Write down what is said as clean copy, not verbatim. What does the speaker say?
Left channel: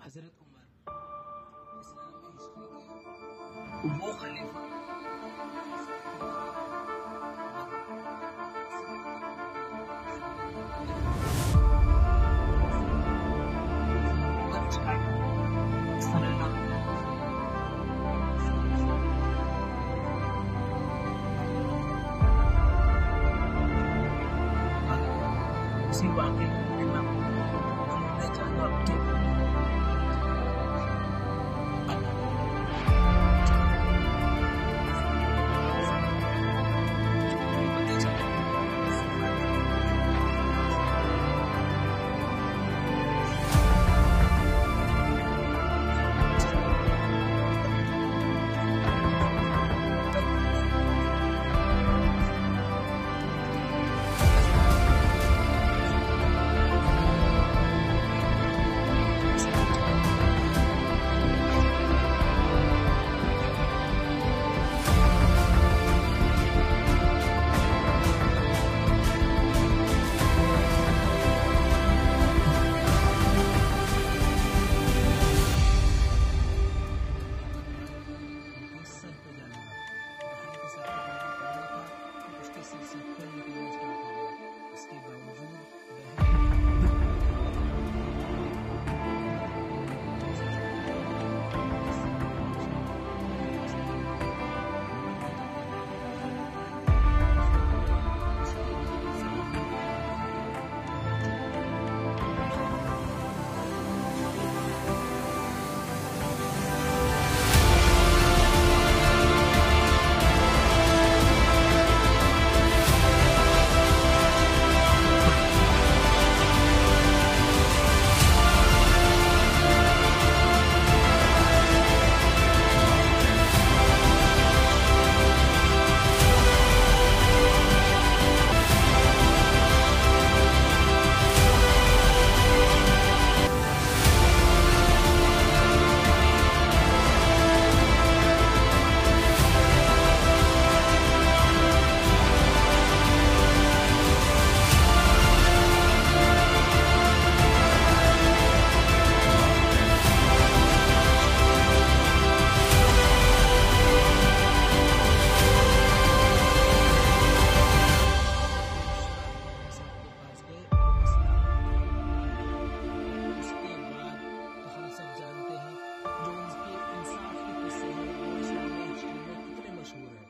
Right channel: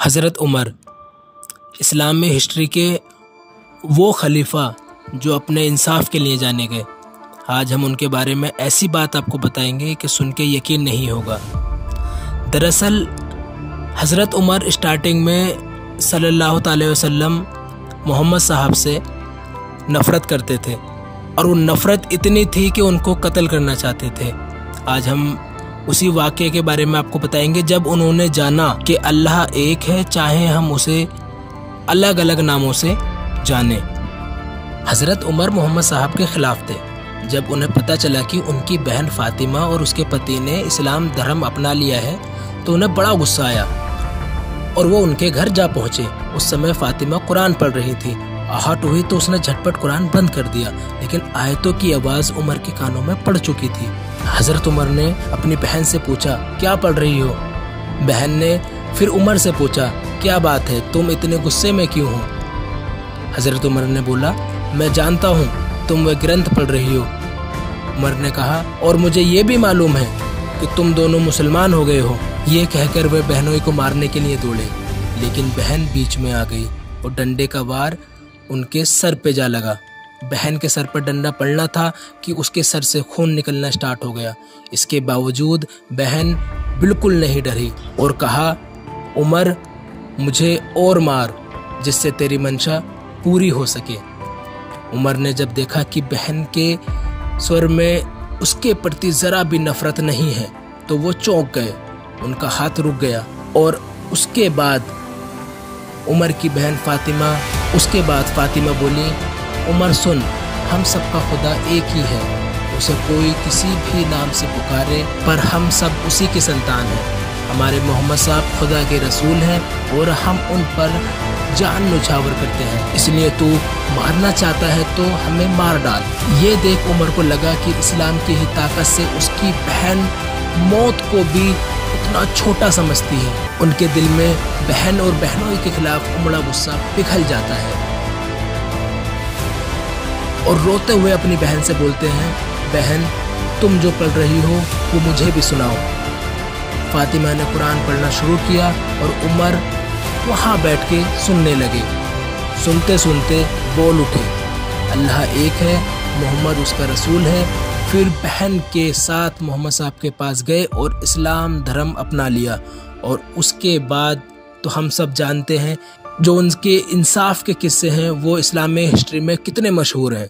हज़रत उमर इस्लाम में हिस्ट्री के वो खलीफा जो अपने इंसाफ के लिए जाने गए। आज हम उनके बारे में ऐसी बात आपको बताएंगे कि सुन के यकीन नहीं होगा। दरअसल हज़रत उमर स्टार्टिंग में सल्लल्लाहु अलैहि वसल्लम मोहम्मद साहब से नफ़रत करते थे और वो नफ़रत इतनी थी कि उनको कत्ल करना चाहते थे। आज हम उसी वाक़े के बारे में आपको बताएंगे जब उन्होंने जाना कि अल्लाह एक है, चाहे हम उसे अलग अलग नामों से जाने। हज़रत उमर मोहम्मद साहब के ख़िलाफ़ थे। जब उन्हें पता चला कि उनकी बहन फ़ातिमा और उसके पति ने इस्लाम धर्म अपना लिया है तो उन्हें बड़ा गुस्सा आया और वो उनके घर जा पहुँचे। उस समय फ़ातिमा कुरान पढ़ रही थी। आहट हुई तो उसने झटपट कुरान बंद कर दिया, लेकिन आयतों की आवाज़ उमर के कानों में पड़ चुकी थी। हज़रत उमर ने अपनी बहन से पूछा, क्या पढ़ रही हो? बहन ने फिर उमर से पूछा, क्या बात है, तुम इतने गुस्से में क्यों हो? हज़रत उमर ने बोला, मैं जानता हूँ तुम वह ग्रंथ पढ़ रही हो। उमर ने कहा, और मुझे ये भी मालूम है कि तुम दोनों मुसलमान हो गए हो। ये कहकर वह बहनों को मारने के लिए दौड़े, लेकिन बहन बीच में आ गई और डंडे का वार उनके सर पे जा लगा। बहन के सर पर डंडा पड़ना था कि उसके सर से खून निकलना स्टार्ट हो गया। इसके बावजूद बहन बिल्कुल नहीं डरी और कहा, उमर मुझे और मार जिससे तेरी मंशा पूरी हो सके। उमर ने जब देखा कि बहन के स्वर में उसके प्रति ज़रा भी नफ़रत नहीं है तो वो चौंक गए, उनका हाथ रुक गया। और उसके बाद उमर की बहन फ़ातिमा बोली, उमर सुन, हम सबका खुदा एक ही है, उसे कोई किसी भी नाम से पुकारे पर हम सब उसी के संतान हैं। हमारे मोहम्मद साहब खुदा के रसूल हैं और हम उन पर जान न्यौछावर करते हैं, इसलिए तू मारना चाहता है तो हमें मार डाल। ये देख उमर को लगा कि इस्लाम की ही ताकत से उसकी बहन मौत को भी इतना छोटा समझती है। उनके दिल में बहन और बहनों के खिलाफ बड़ा गुस्सा पिघल जाता है और रोते हुए अपनी बहन से बोलते हैं, बहन तुम जो पढ़ रही हो वो मुझे भी सुनाओ। फ़ातिमा ने कुरान पढ़ना शुरू किया और उमर वहाँ बैठ के सुनने लगे। सुनते सुनते बोल उठे, अल्लाह एक है, मोहम्मद उसका रसूल है। फिर बहन के साथ मोहम्मद साहब के पास गए और इस्लाम धर्म अपना लिया। और उसके बाद तो हम सब जानते हैं जो उनके इंसाफ के किस्से हैं वो इस्लामी हिस्ट्री में कितने मशहूर हैं।